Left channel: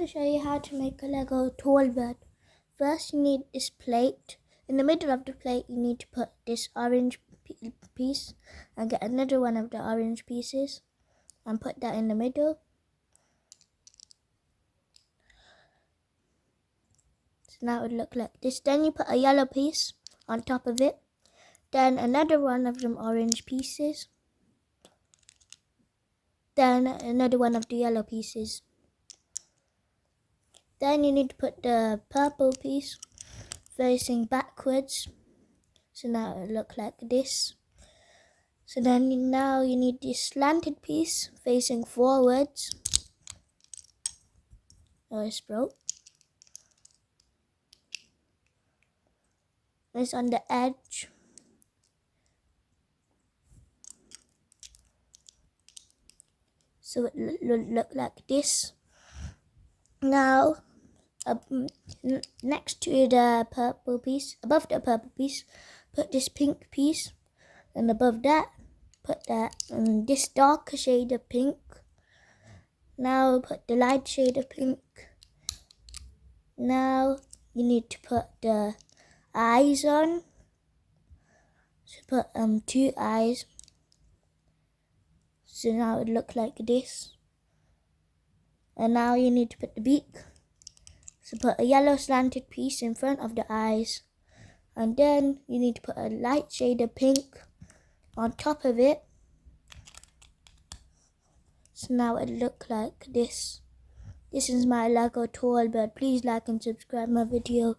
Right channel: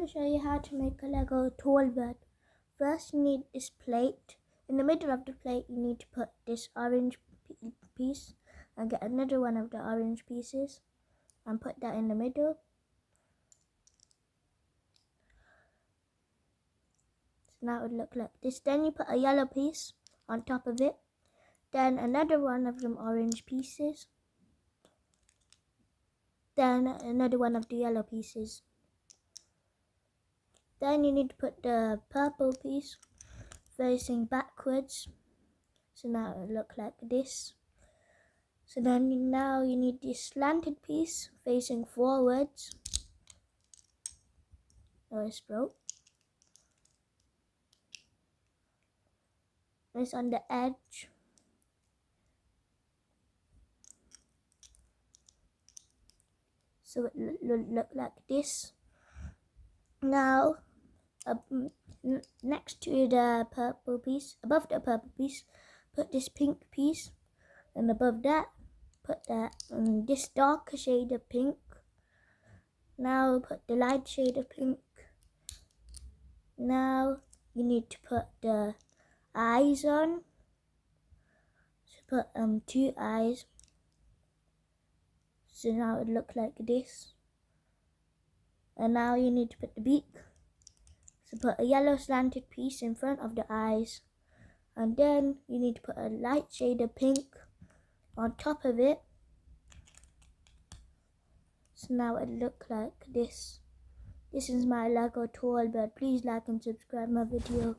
going to show you how to make a Lego tall bird. First, you need this plate. In the middle of the plate, you need to put this orange piece and get another one of the orange pieces and put that in the middle. So now it would look like this. Then you put a yellow piece on top of it. Then another one of them orange pieces. Then another one of the yellow pieces. Then you need to put the purple piece facing backwards. So now it will look like this. So then now you need this slanted piece facing forwards. Oh, it's broke. It's on the edge. So it will look like this. Now, next to the purple piece, above the purple piece, put this pink piece, and above that, put this darker shade of pink. Now put the light shade of pink. Now you need to put the eyes on. So put 2 eyes. So now it would look like this. And now you need to put the beak. So put a yellow slanted piece in front of the eyes. And then you need to put a light shade of pink on top of it. So now it look like this. This is my Lego tall bird. Please like and subscribe my video.